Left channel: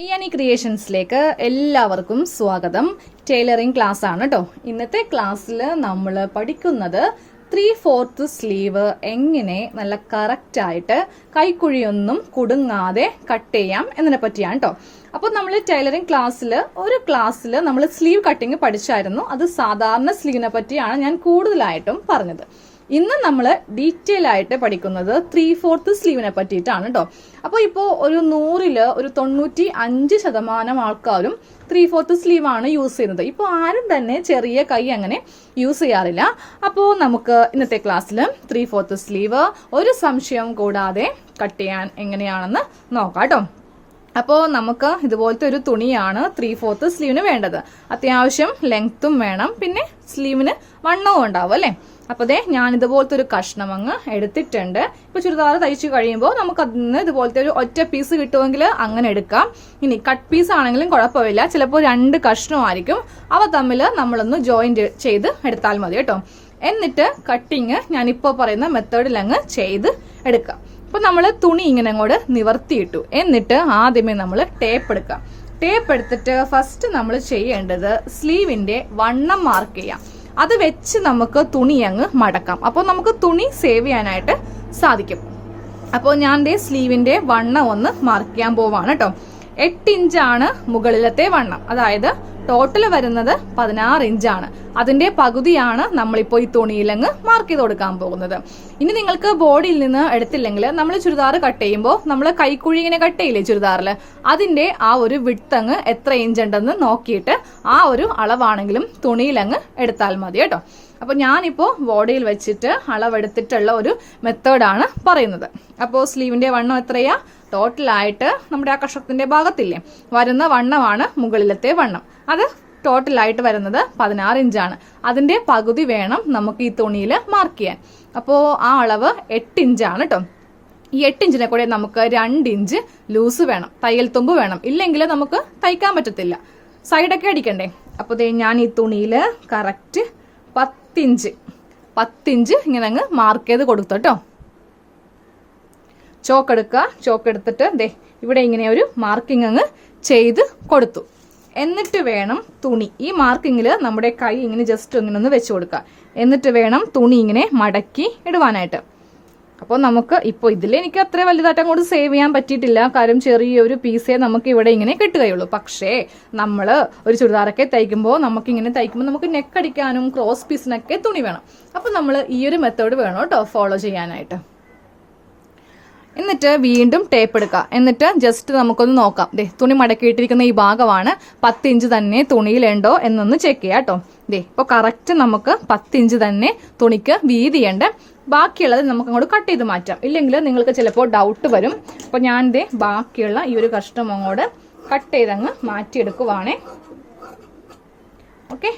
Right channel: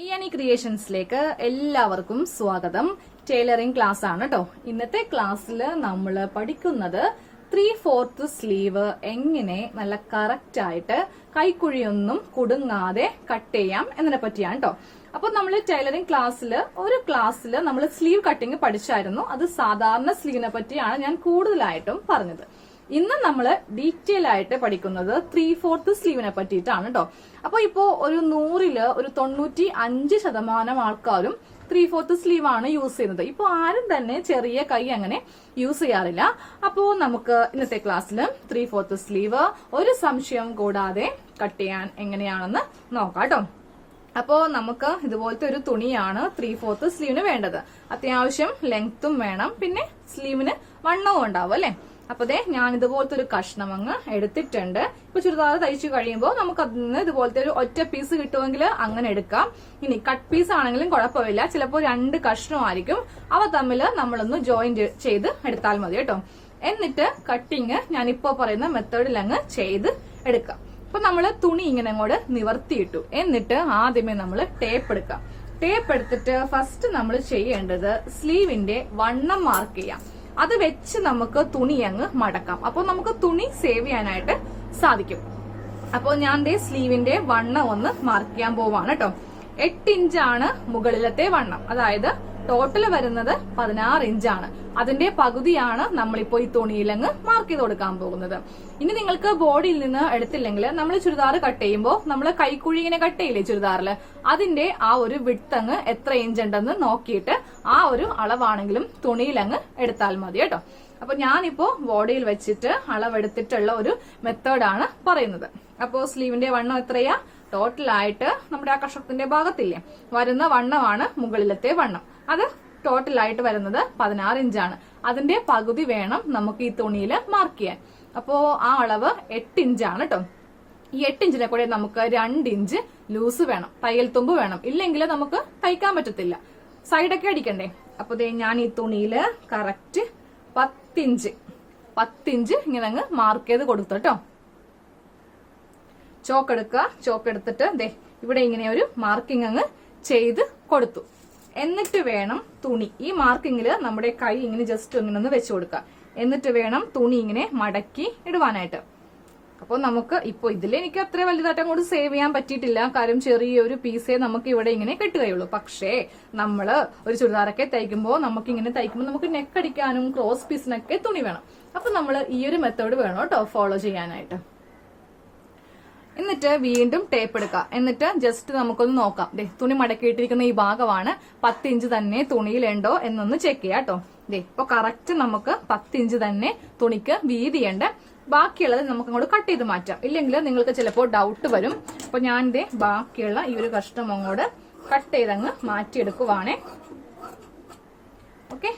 ഇയാനി ക്രിയേഷൻസിലേക്ക് എല്ലാവർക്കും സ്വാഗതം. Tailoring class ആണ് കേട്ടോ. ഇന്നത്തെ ക്ലാസ്സിൽ നമ്മൾ പഠിക്കുന്നത് 3/4 സ്ലീവ് എങ്ങനെ നല്ല കറക്റ്റ് ആയിട്ട് കൈക്കുഴിയൊന്നും കുടുങ്ങാതെ കട്ട് ചെയ്യാം എന്നതിനെ പറ്റിയാണ് കേട്ടോ. അപ്പോൾ നമ്മൾ ടൈലറിംഗ് ക്ലാസ്സിൽ നമ്മൾ സ്ലീവ് കട്ടിങ് പഠിച്ചായിരുന്നു. അത് സാധാരണ സ്ലീവിനെ പറ്റിയാണ് ഞാൻ കൂടുതലായിട്ടും പറഞ്ഞത്. ഇന്ന് നമ്മൾ ഡീറ്റെയിൽ ആയിട്ട് പഠിക്കുന്നത് 3/4 സ്ലീവിനെ പറ്റിയിട്ടാണ് കേട്ടോ. അപ്പോൾ ഇപ്പോൾ ഒരു 100-ൽ ഒരു 95% ആൾക്കാരും 3/4 സ്ലീവ് ആണ് യൂസ് ചെയ്യുന്നത്. ഇപ്പോൾ ആരും തന്നെ ചെറിയ കൈ അങ്ങനെ യൂസ് ചെയ്യാറില്ല. അപ്പോൾ നമുക്ക് ഇന്നത്തെ ക്ലാസ്സിൽ 3/4 സ്ലീവ് ഒരു സംശയം കൂടാതെ കട്ട് ചെയ്യാൻ എങ്ങനെയാണെന്ന് നോക്കാം കേട്ടോ. അപ്പോൾ നമുക്ക് ഇതുപോലത്തെ ഒരു തുണിയാണ് 3/4 സ്ലീവിന് വേണ്ടത്. അത്യാവശ്യം ലെങ്ത്തും വേണം, പിന്നെ സ്ലീവിന് വണ്ണവും ഉണ്ടാവും അല്ലേ. അപ്പൊ ഞാൻ ഇതുപോലത്തെ ഒരു കഷ്ണം അങ്ങ് എടുത്തിട്ടുണ്ട്. ഇപ്പൊ ചുരിദാർ തയ്ച്ചു കഴിയുമ്പോൾ നമുക്ക് അതിന് ഇതുപോലത്തെ ഒരു ഒറ്റ പീസ് കിട്ടുമെങ്കിൽ അങ്ങനെ എടുക്കാം. ഇനി കട്ട് പീസ് ആണെങ്കിലും കുഴപ്പമില്ല. ചിലപ്പോൾ 2 കഷ്ണമായിരിക്കും. അവ തമ്മിൽ നമ്മളൊന്ന് ജോയിന്റ് ചെയ്ത് എടുത്താൽ മതി കേട്ടോ. എന്നിട്ട് കട്ടിങ് ഞാനിപ്പോ പറയുന്ന മെത്തേഡിൽ അങ്ങ് ചെയ്ത് എടുക്കാം. അപ്പൊ നമ്മൾ തുണി ഇങ്ങനെ അങ്ങോട്ട് നിവർത്തിയിട്ടു. എന്നിട്ട് ആദ്യമേ നമ്മൾ ടേപ്പ് എടുക്കാം. ടേപ്പ് എടുത്തിട്ട് ഫസ്റ്റ് നമ്മൾ ചെയ്യേണ്ടത് സ്ലീവിന്റെ വണ്ണം മാർക്ക് ചെയ്യാം. അത് വെച്ച് നമുക്ക് തുണി അങ്ങ് മടക്കാം. അപ്പോൾ നമുക്ക് തുണി സേവ് ചെയ്യാനായിട്ട് സാധിക്കും. അപ്പോൾ ഞാൻ സ്ലീവിന്റെ വണ്ണം ഒന്ന് മാർക്ക് ചെയ്യാൻ പോവാണ് കേട്ടോ. 8 ഇഞ്ചാണ് മുകളിലത്തെ വണ്ണം. അതായത് ടോട്ടൽ വരുന്നത് 16 ഇഞ്ചാണ്. അതിന്റെ പകുതിയാണ് നമ്മളിപ്പോൾ ഈ തുണിയിലങ്ങ് മാർക്ക് ചെയ്ത് കൊടുക്കാൻ പോകുന്നത്. ഇനി നിങ്ങൾക്ക് ബോഡിയിൽ നിന്ന് എടുത്തില്ലെങ്കിൽ നമ്മൾ ചുരിദാർ കട്ട് ചെയ്യുമ്പോൾ നമ്മൾ കൈക്കുഴി ഇങ്ങനെ കട്ട് ചെയ്യില്ലേ ചുരിദാറിൽ, അതിന്റെ ആ ഒരു വിഡ്ത്ത് അങ്ങ് എത്ര ഇഞ്ച് ഉണ്ടെന്ന് നോക്കിയിട്ട് ആ ഒരു അളവാണെങ്കിലും തുണിയിലങ്ങ് എടുത്താൽ മതി കേട്ടോ. അപ്പൊ ഞാനിപ്പോ ബോഡിയിൽ വെച്ചിട്ട് അളവെടുത്തിട്ടുള്ള ഒരു മെത്തേഡാണ് പറയുന്നത്. അപ്പോൾ സ്ലീവിന്റെ വണ്ണം എത്രയാ? ടോട്ടലായിട്ട് നമ്മുടെ ആ കഷത്തിന്റെ ഭാഗത്തില്ലേ വരുന്ന വണ്ണമാണ് മുകളിലത്തെ വണ്ണം. അത് ടോട്ടലായിട്ട് വരുന്നത് 16 ഇഞ്ചാണ്. അതിന്റെ പകുതി വേണം നമുക്ക് ഈ തുണിയിൽ മാർക്ക് ചെയ്യാൻ. അപ്പോൾ ആ അളവ് 8 ഇഞ്ചാണ് കേട്ടോ. ഈ 8 ഇഞ്ചിനെ കൂടെ നമുക്ക് 2 ഇഞ്ച് ലൂസ് വേണം, തയ്യൽ തുമ്പ് വേണം. ഇല്ലെങ്കിൽ നമുക്ക് തയ്ക്കാൻ പറ്റത്തില്ല, സൈഡൊക്കെ അടിക്കണ്ടേ. അപ്പോൾ ഞാൻ ഈ തുണിയിൽ കറക്റ്റ് 10 ഇഞ്ച് ഇങ്ങനെ അങ്ങ് മാർക്ക് ചെയ്ത് കൊടുത്തു കേട്ടോ. ചോക്ക് എടുക്കുക. ചോക്ക് എടുത്തിട്ട് ഇവിടെ ഇങ്ങനെ ഒരു മാർക്കിംഗ് അങ്ങ് ചെയ്ത് കൊടുത്തു. എന്നിട്ട് വേണം തുണി ഈ മാർക്കിങ്ങിൽ നമ്മുടെ കൈ ഇങ്ങനെ ജസ്റ്റ് ഇങ്ങനെ ഒന്ന് വെച്ച് കൊടുക്കുക. എന്നിട്ട് വേണം തുണി ഇങ്ങനെ മടക്കി ഇടുവാനായിട്ട്. അപ്പോൾ നമുക്ക് ഇപ്പോൾ ഇതിൽ എനിക്ക് അത്ര വലുതായിട്ട് അങ്ങോട്ട് സേവ് ചെയ്യാൻ പറ്റിയിട്ടില്ല. കാര്യം ചെറിയൊരു പീസേ നമുക്ക് ഇവിടെ ഇങ്ങനെ കിട്ടുകയുള്ളൂ. പക്ഷേ നമ്മൾ ഒരു ചുരിദാറൊക്കെ തയ്ക്കുമ്പോൾ നമുക്ക് നെക്ക് അടിക്കാനും ക്രോസ് പീസിനൊക്കെ തുണി വേണം. അപ്പോൾ നമ്മൾ ഈ ഒരു മെത്തേഡ് വേണം കേട്ടോ ഫോളോ ചെയ്യാനായിട്ട്. എന്നിട്ട് വീണ്ടും ടേപ്പ് എടുക്കുക. എന്നിട്ട് ജസ്റ്റ് നമുക്കൊന്ന് നോക്കാം. തുണി മടക്കിയിട്ടിരിക്കുന്ന ഈ ഭാഗമാണ് 10 ഇഞ്ച് തന്നെ തുണിയിലുണ്ടോ എന്നൊന്ന് ചെക്ക് ചെയ്യാം കേട്ടോ. ഇപ്പൊ കറക്റ്റ് നമുക്ക് 10 ഇഞ്ച് തന്നെ തുണിക്ക് വീതിയുണ്ട്. ബാക്കിയുള്ളത് നമുക്ക് അങ്ങോട്ട് കട്ട് ചെയ്ത് മാറ്റാം. ഇല്ലെങ്കിൽ നിങ്ങൾക്ക് ചിലപ്പോൾ ഡൗട്ട് വരും. അപ്പൊ ഞാൻ ബാക്കിയുള്ള ഈ ഒരു കഷ്ണം അങ്ങോട്ട് കട്ട് ചെയ്തങ്ങ് മാറ്റിയെടുക്കുവാണേ. ഓക്കെ,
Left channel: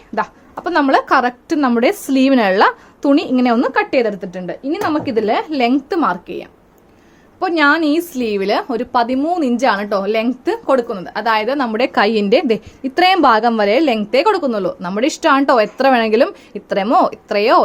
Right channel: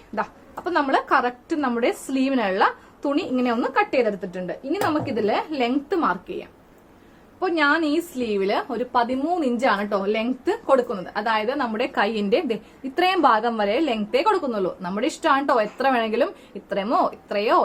അപ്പൊ നമ്മൾ കറക്റ്റ് നമ്മുടെ സ്ലീവിനുള്ള തുണി ഇങ്ങനെ ഒന്ന് കട്ട് ചെയ്തെടുത്തിട്ടുണ്ട്. ഇനി നമുക്കിതില് ലെങ്ത് മാർക്ക് ചെയ്യാം. അപ്പോൾ ഞാൻ ഈ സ്ലീവില് ഒരു 13 ഇഞ്ചാണ് കേട്ടോ ലെങ്ത് കൊടുക്കുന്നത്. അതായത് നമ്മുടെ കൈയിന്റെ ഇത്രയും ഭാഗം വരെ ലെങ്തേ കൊടുക്കുന്നുള്ളൂ. നമ്മുടെ ഇഷ്ടമാണ് കേട്ടോ. എത്ര വേണമെങ്കിലും ഇത്രയോ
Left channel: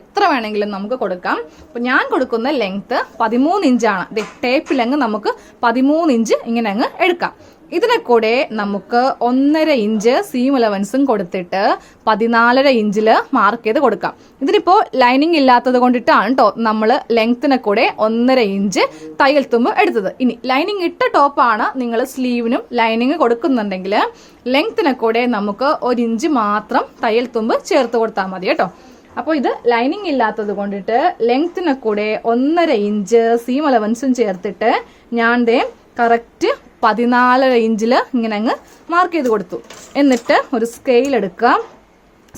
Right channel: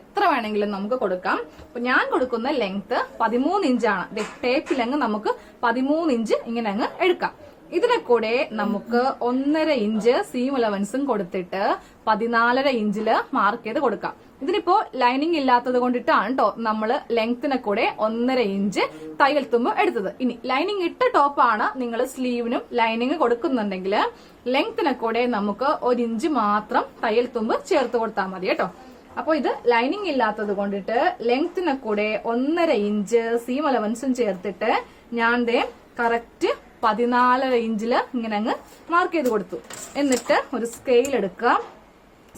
എത്ര വേണമെങ്കിലും നമുക്ക് കൊടുക്കാം. അപ്പൊ ഞാൻ കൊടുക്കുന്ന ലെങ്ത് 13 ഇഞ്ചാണ്. ടേപ്പിലങ്ങ് നമുക്ക് 13 ഇഞ്ച് ഇങ്ങനെ അങ്ങ് എടുക്കാം. ഇതിനെ കൂടെ നമുക്ക് 1.5 ഇഞ്ച് സീം അലവൻസും കൊടുത്തിട്ട് 14.5 ഇഞ്ചില് മാർക്ക് ചെയ്ത് കൊടുക്കാം. ഇതിനിപ്പോ ലൈനിങ് ഇല്ലാത്തത് കൊണ്ടിട്ടാണ് കേട്ടോ നമ്മൾ ലെങ്ത്തിനെ കൂടെ 1.5 ഇഞ്ച് തയ്യൽ തുമ്പ് എടുത്തത്. ഇനി ലൈനിങ് ഇട്ട ടോപ്പാണ് നിങ്ങൾ സ്ലീവിനും ലൈനിങ് കൊടുക്കുന്നുണ്ടെങ്കിൽ ലെങ്ത്തിനെ കൂടെ നമുക്ക് 1 ഇഞ്ച് മാത്രം തയ്യൽ തുമ്പ് ചേർത്ത് കൊടുത്താൽ മതി കേട്ടോ. അപ്പോൾ ഇത് ലൈനിങ് ഇല്ലാത്തത് കൊണ്ടിട്ട് ലെങ്ത്തിനെ കൂടെ 1.5 ഇഞ്ച് സീം അലവൻസും ചേർത്തിട്ട് ഞാൻ കറക്റ്റ് 14.5 ഇഞ്ചില് ഇങ്ങനെ അങ്ങ് മാർക്ക് ചെയ്ത് കൊടുത്തു. എന്നിട്ട് ഒരു സ്കെയിൽ എടുക്കുക.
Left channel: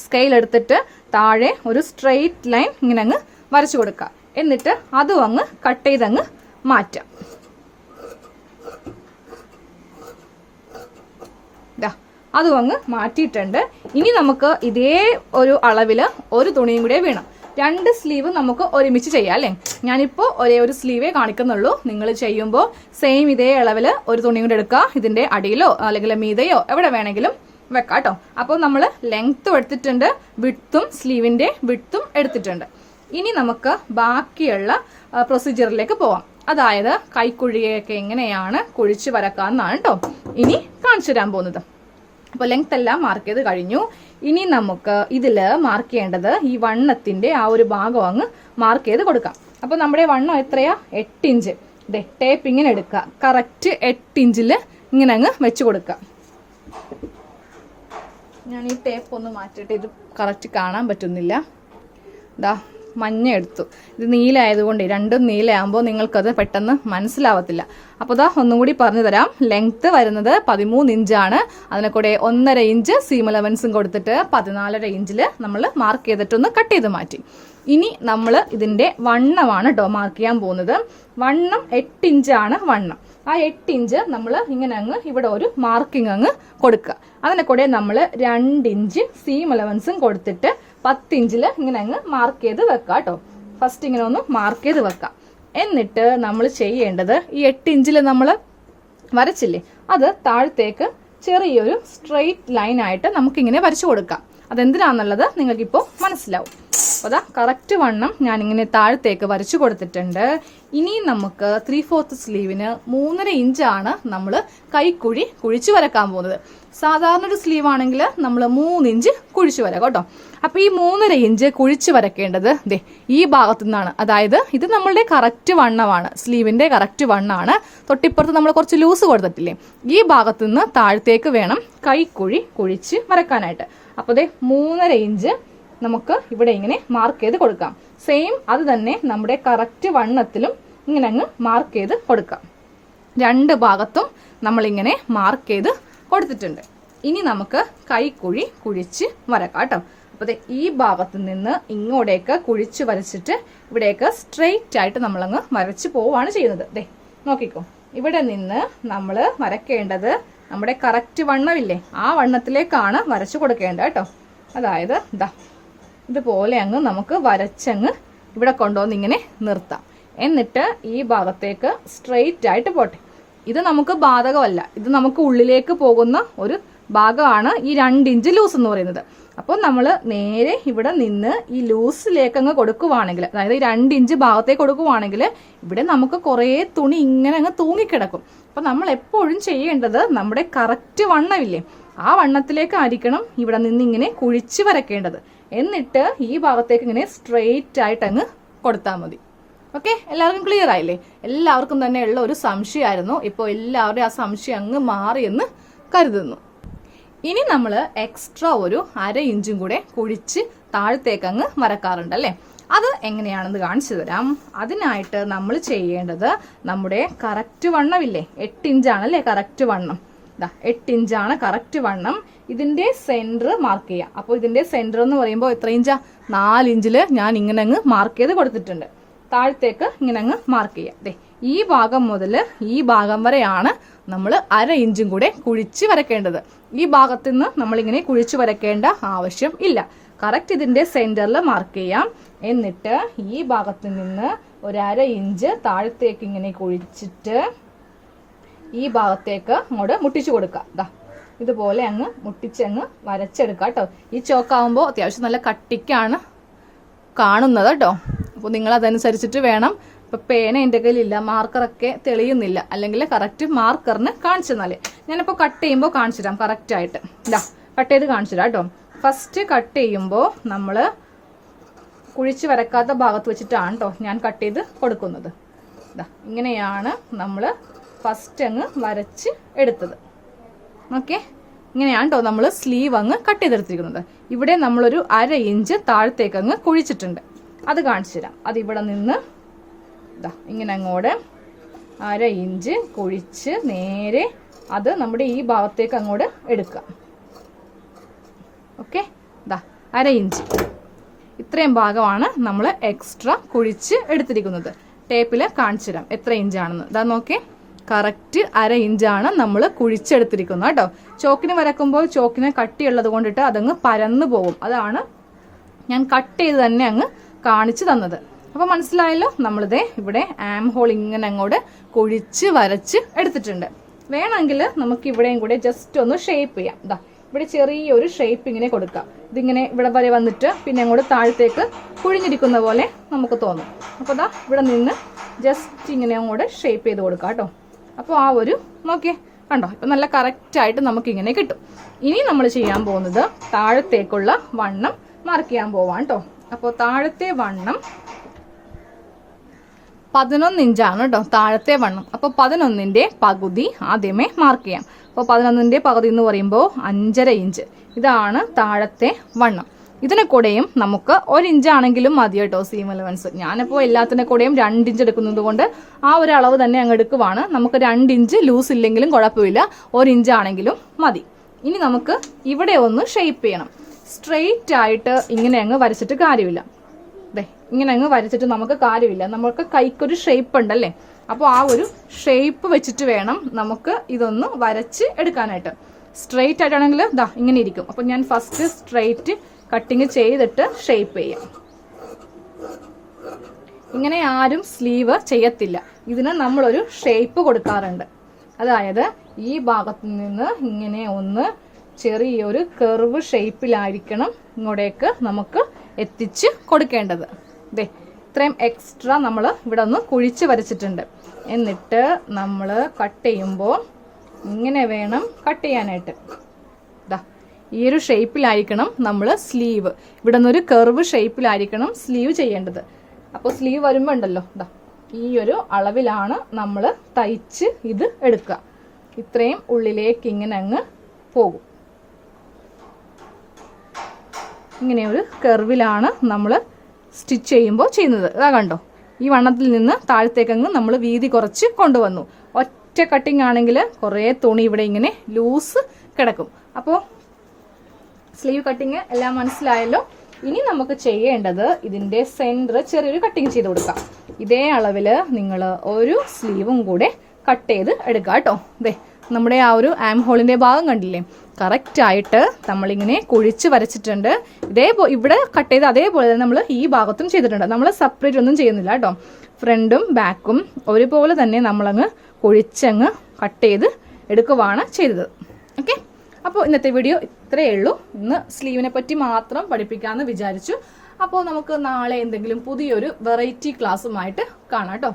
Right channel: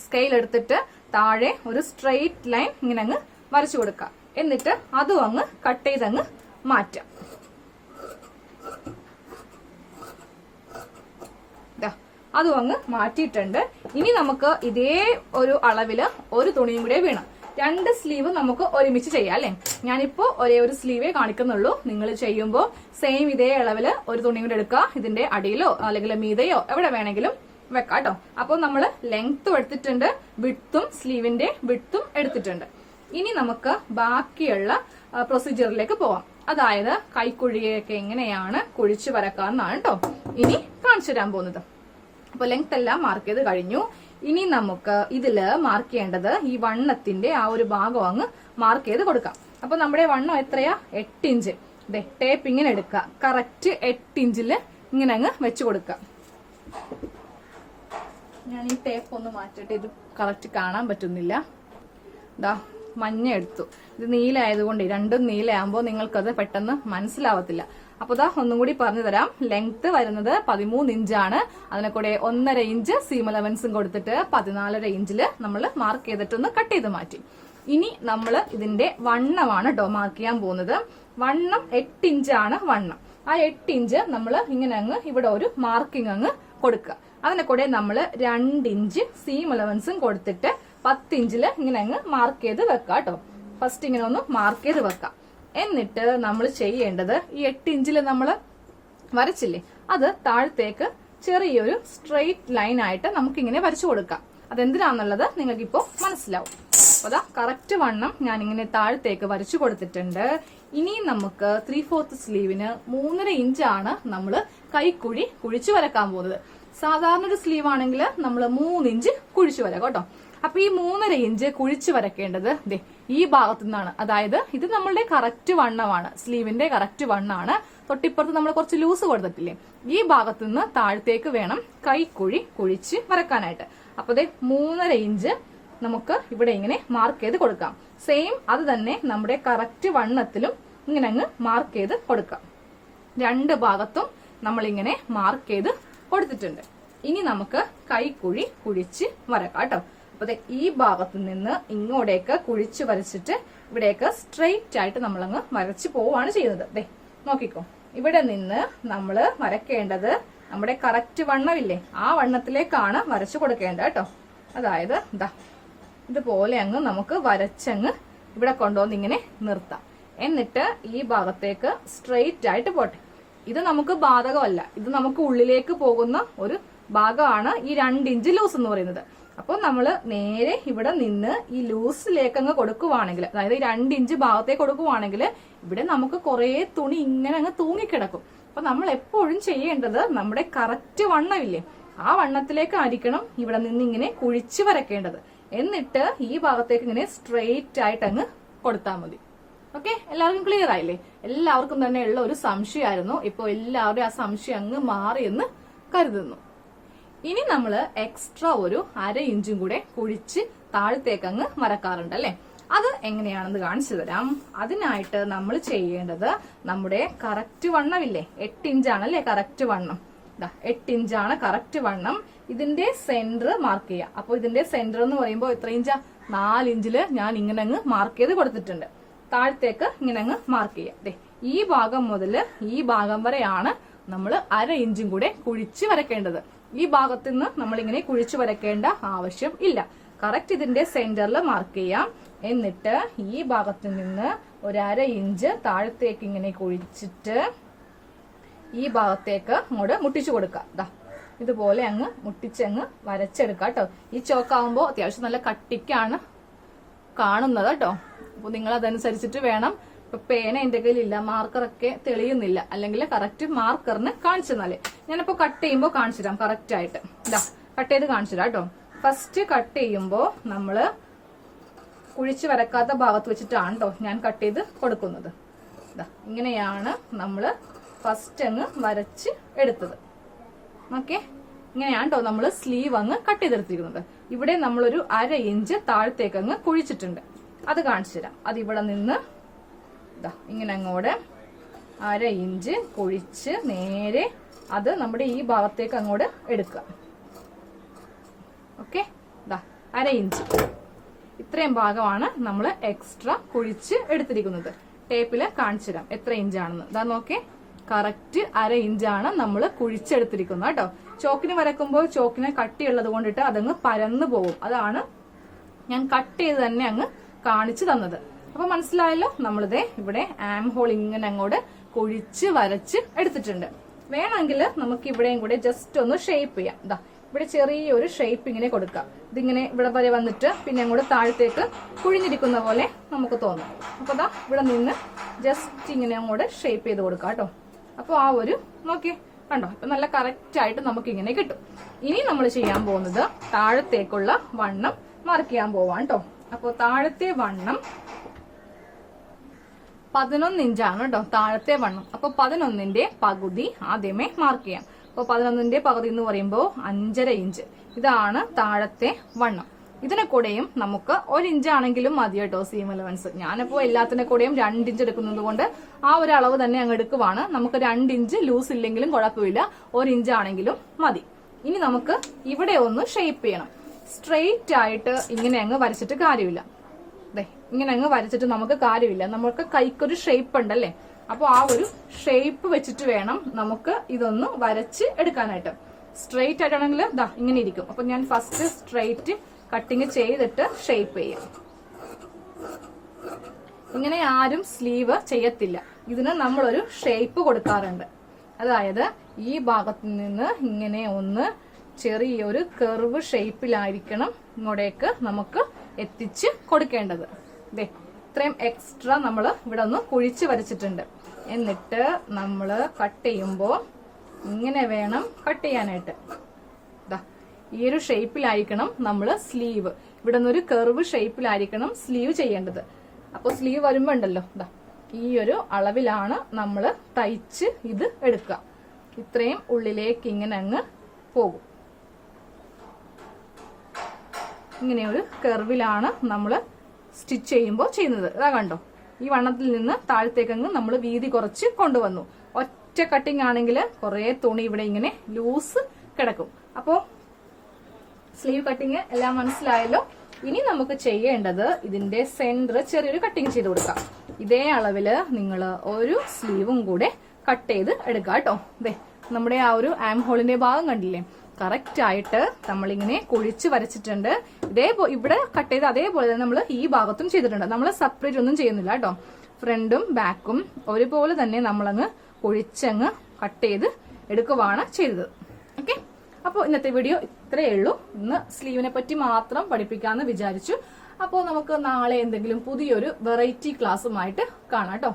സ്കെയിൽ എടുത്തിട്ട് താഴെ ഒരു സ്ട്രെയിറ്റ് ലൈൻ ഇങ്ങനെ അങ്ങ് വരച്ചു കൊടുക്കുക. എന്നിട്ട് അതും അങ്ങ് കട്ട് ചെയ്തങ്ങ് മാറ്റാം. അതും അങ്ങ് മാറ്റിയിട്ടുണ്ട്. ഇനി നമുക്ക് ഇതേ ഒരു അളവില് ഒരു തുണിയും കൂടെ വേണം. 2 സ്ലീവ് നമുക്ക് ഒരുമിച്ച് ചെയ്യാം അല്ലേ. ഞാനിപ്പോ ഒരേ ഒരു സ്ലീവേ കാണിക്കുന്നുള്ളൂ. നിങ്ങൾ ചെയ്യുമ്പോൾ സെയിം ഇതേ അളവില് ഒരു തുണി കൂടെ എടുക്കുക. ഇതിന്റെ അടിയിലോ അല്ലെങ്കിൽ മീതയോ എവിടെ വേണമെങ്കിലും വെക്കാം കേട്ടോ. അപ്പോൾ നമ്മൾ ലെങ്ത്തും എടുത്തിട്ടുണ്ട്, വിഡ്ത്തും സ്ലീവിന്റെ വിഡ്ത്തും എടുത്തിട്ടുണ്ട്. ഇനി നമുക്ക് ബാക്കിയുള്ള പ്രൊസീജിയറിലേക്ക് പോവാം. അതായത് കൈക്കുഴിയൊക്കെ എങ്ങനെയാണ് കുഴിച്ച് വരക്കാന്നാണ് കേട്ടോ. ഇനി കാണിച്ചു തരാൻ പോകുന്നത്. അപ്പോൾ ലെങ്ത് എല്ലാം മാർക്ക് ചെയ്ത് കഴിഞ്ഞു. ഇനി നമുക്ക് ഇതില് മാർക്ക് ചെയ്യേണ്ടത് ഈ വണ്ണത്തിന്റെ ആ ഒരു ഭാഗം അങ്ങ് മാർക്ക് ചെയ്ത് കൊടുക്കാം. അപ്പൊ നമ്മുടെ വണ്ണം എത്രയാ? 8 ഇഞ്ച്. ടേപ്പ് ഇങ്ങനെ എടുക്കുക, കറക്റ്റ് 8 ഇഞ്ചില് ഇങ്ങനെ അങ്ങ് വെച്ച് കൊടുക്കുക. ഞാൻ ഈ ടേപ്പ് ഒന്ന് മാറ്റിയിട്ട് ഇത് കറക്റ്റ് കാണാൻ പറ്റുന്നില്ല. മഞ്ഞ എടുത്തു. ഇത് നീലായതുകൊണ്ട്, രണ്ടും നീലയാകുമ്പോൾ നിങ്ങൾക്കത് പെട്ടെന്ന് മനസ്സിലാവത്തില്ല. അപ്പോൾ ഒന്നും കൂടി പറഞ്ഞു തരാം. ലെങ്ത് വരുന്നത് 13 ഇഞ്ചാണ്. അതിനെ കൂടെ 1.5 ഇഞ്ച് സീം അലവൻസും കൊടുത്തിട്ട് 14.5 ഇഞ്ചില് നമ്മൾ മാർക്ക് ചെയ്തിട്ടൊന്ന് കട്ട് ചെയ്ത് മാറ്റി. ഇനി നമ്മൾ ഇതിന്റെ വണ്ണമാണ് കേട്ടോ മാർക്ക് ചെയ്യാൻ പോകുന്നത്. വണ്ണം 8 ഇഞ്ചാണ് വണ്ണം. ആ 8 ഇഞ്ച് നമ്മൾ ഇങ്ങനെ അങ്ങ് ഇവിടെ ഒരു മാർക്കിംഗ് അങ്ങ് കൊടുക്കുക. അതിനെ കൂടെ നമ്മൾ 2 ഇഞ്ച് സീം അലവൻസും കൊടുത്തിട്ട് 10 ഇഞ്ചില് ഇങ്ങനെ അങ്ങ് മാർക്ക് ചെയ്ത് വെക്കാം കേട്ടോ. ഫസ്റ്റ് ഇങ്ങനെ ഒന്ന് മാർക്ക് ചെയ്ത് വെക്കാം. എന്നിട്ട് നമ്മൾ ചെയ്യേണ്ടത് ഈ 8 ഇഞ്ചില് നമ്മൾ വരച്ചില്ലേ, അത് താഴത്തേക്ക് ചെറിയൊരു സ്ട്രെയിറ്റ് ലൈൻ ആയിട്ട് നമുക്കിങ്ങനെ വരച്ചു കൊടുക്കാം. അതെന്തിനാന്നുള്ളത് നിങ്ങൾക്കിപ്പോൾ മനസ്സിലാവും. അതാ കറക്റ്റ് വണ്ണം ഞാൻ ഇങ്ങനെ താഴത്തേക്ക് വരച്ചു കൊടുത്തിട്ടുണ്ട്. ഇനി നമുക്ക് 3/4 സ്ലീവിന് 3.5 ഇഞ്ചാണ് നമ്മൾ കൈക്കുഴി കുഴിച്ചു വരക്കാൻ പോകുന്നത്. സാധാരണ ഒരു സ്ലീവ് ആണെങ്കിൽ നമ്മൾ 3 ഇഞ്ച് കുഴിച്ചു വരാം കേട്ടോ. അപ്പൊ ഈ 3.5 ഇഞ്ച് കുഴിച്ചു വരക്കേണ്ടത് ഈ ഭാഗത്തു നിന്നാണ്. അതായത് ഇത് നമ്മളുടെ കറക്റ്റ് വണ്ണമാണ്, സ്ലീവിന്റെ കറക്റ്റ് വണ്ണാണ്. തൊട്ടിപ്പുറത്ത് നമ്മൾ കുറച്ച് ലൂസ് കൊടുത്തിട്ടില്ലേ, ഈ ഭാഗത്തു നിന്ന് താഴത്തേക്ക് വേണം കൈക്കുഴി കുഴിച്ച് വരക്കാനായിട്ട്. അപ്പൊ 3.5 ഇഞ്ച് നമുക്ക് ഇവിടെ ഇങ്ങനെ മാർക്ക് ചെയ്ത് കൊടുക്കാം. സെയിം അത് തന്നെ നമ്മുടെ കറക്റ്റ് വണ്ണത്തിലും ഇങ്ങനെ അങ്ങ് മാർക്ക് ചെയ്ത് കൊടുക്കാം. രണ്ട് ഭാഗത്തും നമ്മളിങ്ങനെ മാർക്ക് ചെയ്ത് കൊടുത്തിട്ടുണ്ട്. ഇനി നമുക്ക് കൈക്കുഴി കുഴിച്ച് വരക്കാം കേട്ടോ. അപ്പൊ ഈ ഭാഗത്ത് നിന്ന് ഇങ്ങോട്ടേക്ക് കുഴിച്ച് വരച്ചിട്ട് ഇവിടേക്ക് സ്ട്രെയിറ്റ് ആയിട്ട് നമ്മളങ്ങ് വരച്ച് പോവാണ് ചെയ്യുന്നത്. നോക്കിക്കോ, ഇവിടെ നിന്ന് നമ്മൾ വരക്കേണ്ടത് നമ്മുടെ കറക്റ്റ് വണ്ണമില്ലേ, ആ വണ്ണത്തിലേക്കാണ് വരച്ചു കൊടുക്കേണ്ടത് കേട്ടോ. അതായത് ഇതുപോലെ അങ്ങ് നമുക്ക് വരച്ചങ്ങ് ഇവിടെ കൊണ്ടുവന്ന് ഇങ്ങനെ നിർത്താം. എന്നിട്ട് ഈ ഭാഗത്തേക്ക് സ്ട്രെയിറ്റ് ആയിട്ട് പോട്ടെ. ഇത് നമുക്ക് ബാധകമല്ല, ഇത് നമുക്ക് ഉള്ളിലേക്ക് പോകുന്ന ഒരു ഭാഗമാണ് ഈ 2 ഇഞ്ച് ലൂസ് എന്ന് പറയുന്നത്. അപ്പോൾ നമ്മൾ നേരെ ഇവിടെ നിന്ന് ഈ ലൂസിലേക്ക് അങ്ങ് കൊടുക്കുവാണെങ്കിൽ, അതായത് ഈ 2 ഇഞ്ച് ഭാഗത്തേക്ക് കൊടുക്കുവാണെങ്കിൽ ഇവിടെ നമുക്ക് കുറേ തുണി ഇങ്ങനെ അങ്ങ് തൂങ്ങിക്കിടക്കും. അപ്പൊ നമ്മൾ എപ്പോഴും ചെയ്യേണ്ടത് നമ്മുടെ കറക്റ്റ് വണ്ണമില്ലേ, ആ വണ്ണത്തിലേക്കായിരിക്കണം ഇവിടെ നിന്ന് ഇങ്ങനെ കുഴിച്ച് വരക്കേണ്ടത്. എന്നിട്ട് ഈ ഭാഗത്തേക്ക് ഇങ്ങനെ സ്ട്രെയിറ്റ് ആയിട്ട് അങ്ങ് കൊടുത്താൽ മതി. ഓക്കെ, എല്ലാവർക്കും ക്ലിയർ ആയില്ലേ? എല്ലാവർക്കും തന്നെ ഉള്ള ഒരു സംശയമായിരുന്നു. ഇപ്പോൾ എല്ലാവരുടെയും ആ സംശയം അങ്ങ് മാറിയെന്ന് കരുതുന്നു. ഇനി നമ്മൾ എക്സ്ട്രാ ഒരു 1/2 ഇഞ്ചും കൂടെ കുഴിച്ച് താഴത്തേക്ക് അങ്ങ് വരക്കാറുണ്ട് അല്ലെ. അത് എങ്ങനെയാണെന്ന് കാണിച്ചു തരാം. അതിനായിട്ട് നമ്മൾ ചെയ്യേണ്ടത് നമ്മുടെ കറക്റ്റ് വണ്ണമില്ലേ, 8 ഇഞ്ചാണല്ലേ കറക്റ്റ് വണ്ണം. 8 ഇഞ്ചാണ് കറക്റ്റ് വണ്ണം. ഇതിന്റെ സെന്റർ മാർക്ക് ചെയ്യാം. അപ്പോൾ ഇതിന്റെ സെന്റർ എന്ന് പറയുമ്പോൾ എത്ര ഇഞ്ചാ? 4 ഇഞ്ചില് ഞാൻ ഇങ്ങനെ അങ്ങ് മാർക്ക് ചെയ്ത് കൊടുത്തിട്ടുണ്ട്. താഴത്തേക്ക് ഇങ്ങനെ അങ്ങ് മാർക്ക് ചെയ്യാം. ഈ ഭാഗം മുതൽ ഈ ഭാഗം വരെയാണ് നമ്മൾ 1/2 ഇഞ്ചും കൂടെ കുഴിച്ച് വരക്കേണ്ടത്. ഈ ഭാഗത്ത് നിന്ന് നമ്മളിങ്ങനെ കുഴിച്ച് വരക്കേണ്ട ആവശ്യം ഇല്ല. കറക്റ്റ് ഇതിന്റെ സെന്ററിൽ മാർക്ക് ചെയ്യാം. എന്നിട്ട് ഈ ഭാഗത്ത് നിന്ന് ഒരു 1/2 ഇഞ്ച് താഴത്തേക്ക് ഇങ്ങനെ കുഴിച്ചിട്ട് ഈ ഭാഗത്തേക്ക് അങ്ങോട്ട് മുട്ടിച്ചു കൊടുക്കുക. ഇതുപോലെ അങ്ങ് മുട്ടിച്ചങ്ങ് വരച്ചെടുക്കുക കേട്ടോ. ഈ ചോക്കാവുമ്പോൾ അത്യാവശ്യം നല്ല കട്ടിക്കാണ് കാണുന്നത് കേട്ടോ. അപ്പോൾ നിങ്ങൾ അതനുസരിച്ചിട്ട് വേണം. ഇപ്പൊ പേന എൻ്റെ കയ്യിലില്ല, മാർക്കറൊക്കെ തെളിയുന്നില്ല, അല്ലെങ്കിൽ കറക്റ്റ് മാർക്കറിന് കാണിച്ചു തന്നാലേ. ഞാനിപ്പോ കട്ട് ചെയ്യുമ്പോൾ കാണിച്ചു തരാം കറക്റ്റ് ആയിട്ട്. കട്ട് ചെയ്ത് കാണിച്ചു തരാം കേട്ടോ. ഫസ്റ്റ് കട്ട് ചെയ്യുമ്പോൾ നമ്മള് കുഴിച്ച് വരക്കാത്ത ഭാഗത്ത് വെച്ചിട്ടാണ് കേട്ടോ ഞാൻ കട്ട് ചെയ്ത് കൊടുക്കുന്നത്. ഇങ്ങനെയാണ് നമ്മള് ഫസ്റ്റ് അങ്ങ് വരച്ച് എടുത്തത്. ഓക്കെ, ഇങ്ങനെയാണ് കേട്ടോ നമ്മൾ സ്ലീവ് അങ്ങ് കട്ട് ചെയ്തെടുത്തിരിക്കുന്നത്. ഇവിടെ നമ്മളൊരു 1/2 ഇഞ്ച് താഴത്തേക്ക് അങ്ങ് കുഴിച്ചിട്ടുണ്ട്. അത് കാണിച്ചു തരാം. അത് ഇവിടെ നിന്ന് ഇങ്ങനെ അങ്ങോട്ട് 1/2 ഇഞ്ച് കുഴിച്ച് നേരെ അത് നമ്മുടെ ഈ ഭാഗത്തേക്ക് അങ്ങോട്ട് എടുക്കുക. ഓക്കെ, 1/2 ഇഞ്ച് ഇത്രയും ഭാഗമാണ് നമ്മൾ എക്സ്ട്രാ കുഴിച്ച് എടുത്തിരിക്കുന്നത്. ടേപ്പില് കാണിച്ചു തരാം എത്ര ഇഞ്ചാണെന്ന്. നോക്കേ, കറക്റ്റ് 1/2 ഇഞ്ചാണ് നമ്മൾ കുഴിച്ചെടുത്തിരിക്കുന്നത് കേട്ടോ. ചോക്കിന് വരക്കുമ്പോൾ ചോക്കിന് കട്ടിയുള്ളത് കൊണ്ടിട്ട് അതങ്ങ് പരന്നു പോകും. അതാണ് ഞാൻ കട്ട് ചെയ്ത് തന്നെ അങ്ങ് കാണിച്ചു തന്നത്. അപ്പൊ മനസ്സിലായല്ലോ? നമ്മളിതേ ഇവിടെ ആം ഹോൾ ഇങ്ങനെ അങ്ങോട്ട് കുഴിച്ച് വരച്ച് എടുത്തിട്ടുണ്ട്. വേണമെങ്കിൽ നമുക്ക് ഇവിടെയും കൂടെ ജസ്റ്റ് ഒന്ന് ഷേപ്പ് ചെയ്യാം. ഇവിടെ ചെറിയൊരു ഷേപ്പ് ഇങ്ങനെ കൊടുക്കാം. ഇതിങ്ങനെ ഇവിടെ വരെ വന്നിട്ട് പിന്നെ അങ്ങോട്ട് താഴത്തേക്ക് കുഴിഞ്ഞിരിക്കുന്ന പോലെ നമുക്ക് തോന്നും. അപ്പൊ ഇവിടെ നിന്ന് ജസ്റ്റ് ഇങ്ങനെ അങ്ങോട്ട് ഷേപ്പ് ചെയ്ത് കൊടുക്കാം കേട്ടോ. അപ്പോൾ ആ ഒരു നോക്കിയേ, കണ്ടോ? ഇപ്പൊ നല്ല കറക്റ്റ് ആയിട്ട് നമുക്ക് ഇങ്ങനെ കിട്ടും. ഇനി നമ്മൾ ചെയ്യാൻ പോകുന്നത് താഴത്തേക്കുള്ള വണ്ണം മാർക്ക് ചെയ്യാൻ പോവാം കേട്ടോ. അപ്പോൾ താഴത്തെ വണ്ണം 11 ഇഞ്ചാണ് കേട്ടോ, താഴത്തെ വണ്ണം. അപ്പോൾ 11ന്റെ പകുതി ആദ്യമേ മാർക്ക് ചെയ്യാം. അപ്പോൾ 11ന്റെ പകുതി എന്ന് പറയുമ്പോൾ 5.5 ഇഞ്ച്. ഇതാണ് താഴത്തെ വണ്ണം. ഇതിനെ കൂടെയും നമുക്ക് 1 ഇഞ്ചാണെങ്കിലും മതി കേട്ടോ സീം അലവൻസ്. ഞാനിപ്പോൾ എല്ലാത്തിനെ കൂടെയും 2 ഇഞ്ച് എടുക്കുന്നത് കൊണ്ട് ആ ഒരു അളവ് തന്നെ അങ്ങ് എടുക്കുവാണ്. നമുക്ക് 2 ഇഞ്ച് ലൂസ് ഇല്ലെങ്കിലും കുഴപ്പമില്ല, 1 ഇഞ്ച് ആണെങ്കിലും മതി. ഇനി നമുക്ക് ഇവിടെ ഒന്ന് ഷേപ്പ് ചെയ്യണം. സ്ട്രെയിറ്റ് ആയിട്ട് ഇങ്ങനെ അങ്ങ് വരച്ചിട്ട് കാര്യമില്ല. ഇങ്ങനെ അങ്ങ് വരച്ചിട്ട് നമുക്ക് കാര്യമില്ല. നമുക്ക് കൈക്കൊരു ഷേപ്പ് ഉണ്ടല്ലേ, അപ്പോൾ ആ ഒരു ഷേപ്പ് വെച്ചിട്ട് വേണം നമുക്ക് ഇതൊന്ന് വരച്ച് എടുക്കാനായിട്ട്. സ്ട്രെയിറ്റ് ആയിട്ടാണെങ്കിൽ ഇങ്ങനെ ഇരിക്കും. അപ്പൊ ഞാൻ ഫസ്റ്റ് സ്ട്രെയിറ്റ് കട്ടിങ് ചെയ്തിട്ട് ഷേപ്പ് ചെയ്യാം. ഇങ്ങനെ ആരും സ്ലീവ് ചെയ്യത്തില്ല. ഇതിന് നമ്മളൊരു ഷേപ്പ് കൊടുക്കാറുണ്ട്. അതായത് ഈ ഭാഗത്ത് നിന്ന് ഇങ്ങനെ ഒന്ന് ചെറിയൊരു കർവ് ഷേപ്പിലായിരിക്കണം ഇങ്ങോട്ടേക്ക് നമുക്ക് എത്തിച്ച് കൊടുക്കേണ്ടത്. ഇത്രയും എക്സ്ട്രാ നമ്മൾ ഇവിടെ ഒന്ന് കുഴിച്ച് വരച്ചിട്ടുണ്ട്. എന്നിട്ട് നമ്മൾ കട്ട് ചെയ്യുമ്പോൾ ഇങ്ങനെ വേണം കട്ട് ചെയ്യാനായിട്ട്. ഈ ഒരു ഷേപ്പിലായിരിക്കണം നമ്മൾ സ്ലീവ്, ഇവിടെ നിന്നൊരു കർവ് ഷേപ്പിലായിരിക്കണം സ്ലീവ് ചെയ്യേണ്ടത്. അപ്പോൾ സ്ലീവ് വരുമ്പോൾ ഉണ്ടല്ലോ ഈ ഒരു അളവിലാണ് നമ്മൾ തയ്ച്ച് ഇത് എടുക്കുക. ഇത്രയും ഉള്ളിലേക്ക് ഇങ്ങനെ അങ്ങ് പോകും. ഇങ്ങനെ ഒരു കർവിലാണ് നമ്മൾ സ്റ്റിച്ച് ചെയ്യുമ്പോൾ ചെയ്യുന്നത്. അതാ കണ്ടോ, ഈ വണ്ണത്തിൽ നിന്ന് താഴത്തേക്കങ്ങ് നമ്മൾ വീതി കുറച്ച് കൊണ്ടുവന്നു. ഒറ്റ കട്ടിങ് ആണെങ്കിൽ കുറേ തുണി ഇവിടെ ഇങ്ങനെ ലൂസ് കിടക്കും. അപ്പോൾ സ്ലീവ് കട്ടിങ് എല്ലാം മനസ്സിലായല്ലോ. ഇനി നമുക്ക് ചെയ്യേണ്ടത് ഇതിന്റെ സെന്റർ ചെറിയൊരു കട്ടിങ് ചെയ്ത് കൊടുക്കാം. ഇതേ അളവിൽ നിങ്ങൾ ഒരു സ്ലീവും കൂടെ കട്ട് ചെയ്ത് എടുക്കുക കേട്ടോ. നമ്മുടെ ആ ഒരു ആം ഹോളിന്റെ ഭാഗം കണ്ടില്ലേ, കറക്റ്റ് ആയിട്ട് നമ്മളിങ്ങനെ കുഴിച്ച് വരച്ചിട്ടുണ്ട്. ഇവിടെ കട്ട് ചെയ്ത് അതേപോലെ തന്നെ നമ്മൾ ഈ ഭാഗത്തും ചെയ്തിട്ടുണ്ട്. നമ്മൾ സെപ്പറേറ്റ് ഒന്നും ചെയ്യുന്നില്ല കേട്ടോ. ഫ്രണ്ടും ബാക്കും ഒരുപോലെ തന്നെ നമ്മളങ്ങ് കുഴിച്ചങ്ങ് കട്ട് ചെയ്ത് എടുക്കുവാണ് ചെയ്തത്. ഓക്കെ, അപ്പോൾ ഇന്നത്തെ വീഡിയോ ഇത്രയേ ഉള്ളൂ. ഇന്ന് സ്ലീവിനെ പറ്റി മാത്രം പഠിപ്പിക്കാമെന്ന് വിചാരിച്ചു. അപ്പോൾ നമുക്ക് നാളെ എന്തെങ്കിലും പുതിയൊരു വെറൈറ്റി ക്ലാസ്സുമായിട്ട് കാണാം കേട്ടോ.